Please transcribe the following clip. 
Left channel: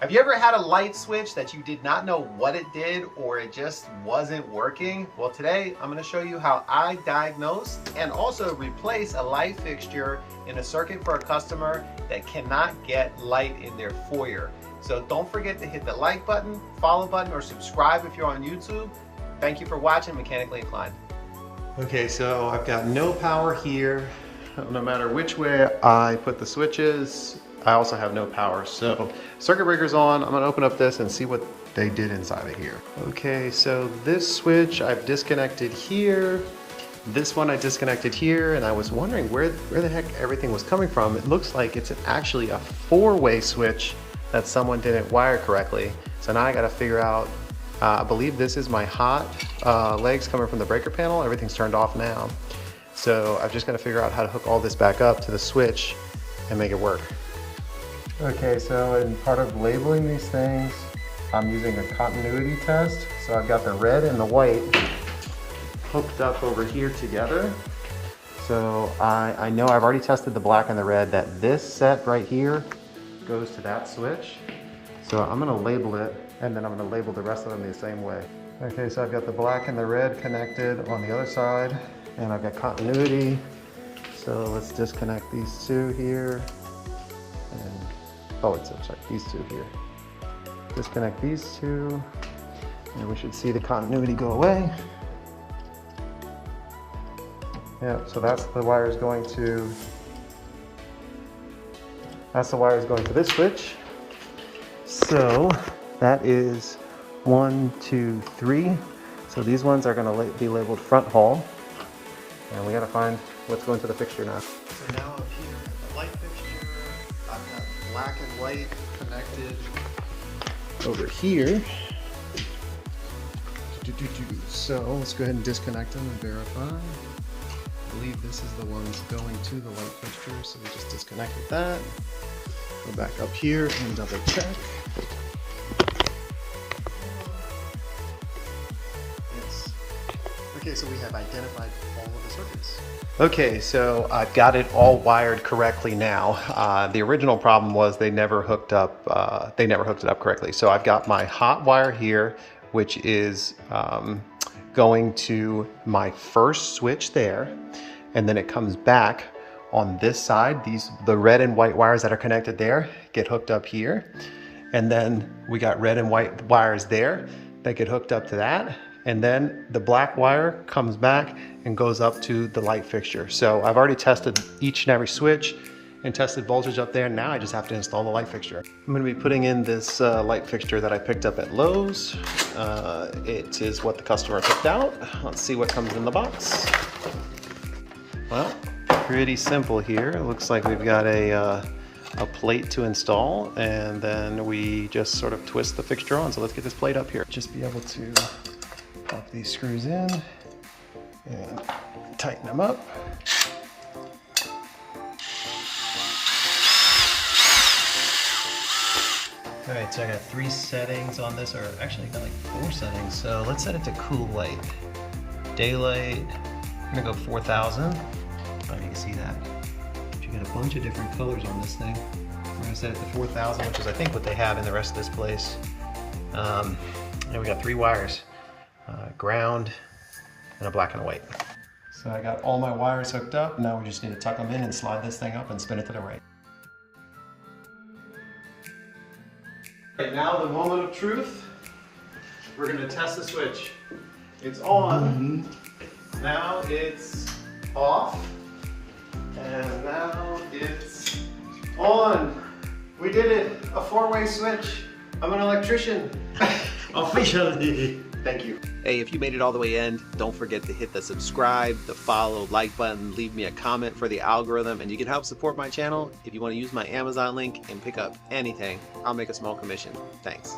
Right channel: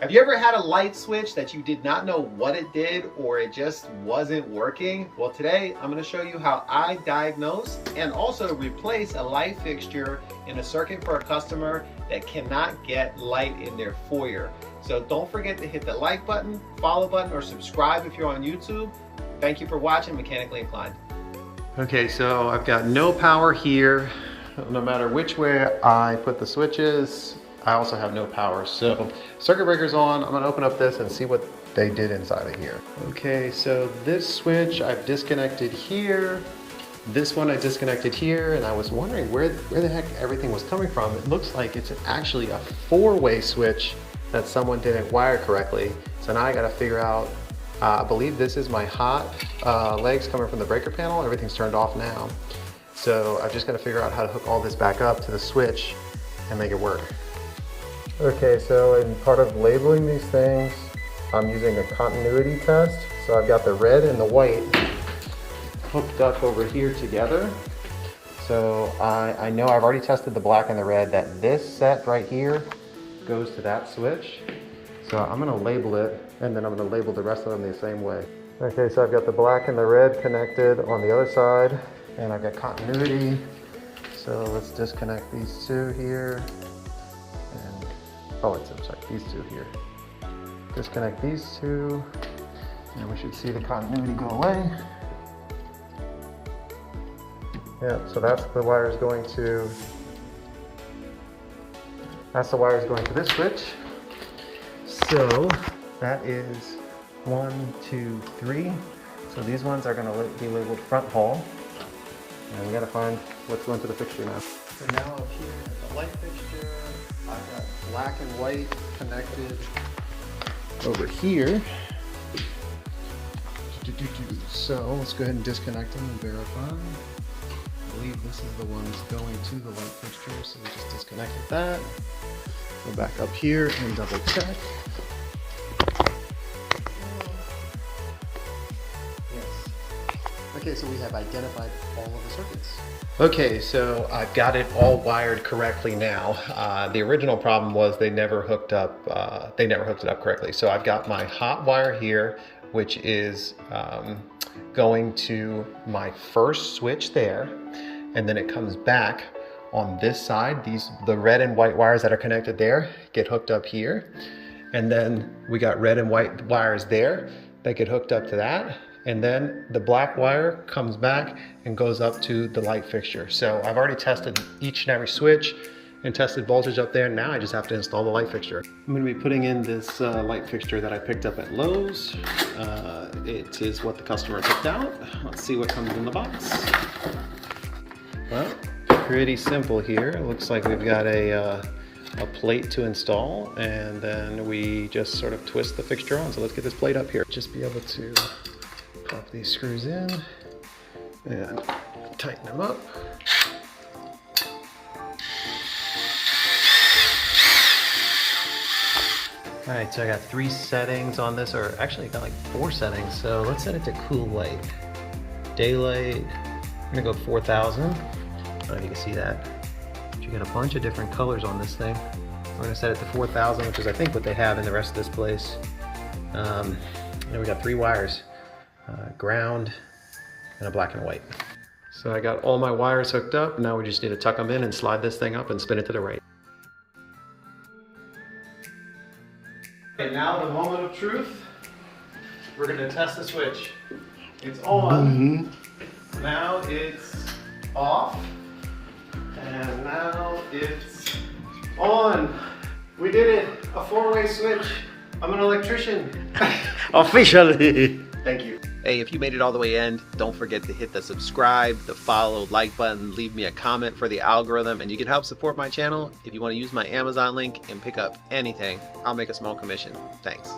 Have you ever had a light switch that you did not know what it did or it just wasn't working? Well, today I'm going to show you how I diagnose and also replace a light fixture in a circuit for a customer that cannot get light in their foyer. So don't forget to hit the like button, follow button, or subscribe if you're on YouTube. Thank you for watching Mechanically Inclined. Okay, so I've got no power here. No matter which way I put the switches, I also have no power. So circuit breaker's on. I'm gonna open up this and see what they did inside of here. Okay, so this switch I've disconnected here. This one I disconnected here, and I was wondering where the heck everything was coming from. It looks like it's actually a four-way switch that someone didn't wire correctly. So now I gotta figure out, I believe this is my hot legs coming from the breaker panel. Everything's turned off now. So I've just gotta figure out how to hook all this back up to the switch and make it work. Okay, so in part of labeling these things, I'm using a continuity test. So I've got the red and the white hooked up over here together. So I know I've already tested the black and the red, that this set right here goes to that switch. So I'm gonna label it, and then I'm gonna label the rest of them the same way. Okay, so I've got the black and the red connected on the other side, and I've got continuity. So let's disconnect these two here. And, oh, I'm sorry, these two here. Disconnect these two, and we should see the continuity go away. Yeah, so that's the wires going to, this switch. So that is 1, 2, 3. So these ones are gonna be labeled front hall. And we gotta find what's going to the fixture now. So now up here at the light fixture, I've got black and white connected over here. So let's go ahead and disconnect them and verify. I believe this is the one that's going to the light fixture, so we just disconnected that. Go back up here and double check. Yes. Okay, so we have identified all of the circuits. Okay, so I've got it all wired correctly now. The original problem was they never hooked up. They never hooked it up correctly. So I've got my hot wire here, which is going to my first switch there, and then it comes back on this side. The red and white wires that are connected there get hooked up here, and then we got red and white wires there that get hooked up to that, and then the black wire comes back and goes up to the light fixture. So I've already tested each and every switch and tested voltage up there. Now I just have to install the light fixture. I'm gonna be putting in this light fixture that I picked up at Lowe's. It is what the customer picked out. Let's see what comes in the box. Well, pretty simple here. It looks like we've got a plate to install, and then we just sort of twist the fixture on. So let's get this plate up here. Just be able to pop these screws in and tighten them up. All right, so I got 3 settings on this, or actually I got like 4 settings. So let's set it to cool light. Daylight, I'm gonna go 4,000. I don't know if you can see that. You got a bunch of different colors on this thing. We're gonna set it to 4,000, which is I think what they have in the rest of this place. And we got 3 wires, ground, and a black and a white. So I got all my wires hooked up. Now we just need to tuck them in and slide this thing up and spin it to the right. Okay, now the moment of truth. We're gonna test the switch. It's on. Now it's off. And now it's on. We did it. A 4-way switch. I'm an electrician. Officially. Thank you. Hey, if you made it all the way in, don't forget to hit the subscribe, the follow, like button, leave me a comment for the algorithm, and you can help support my channel if you want to use my Amazon link and pick up anything. I'll make a small commission. Thanks.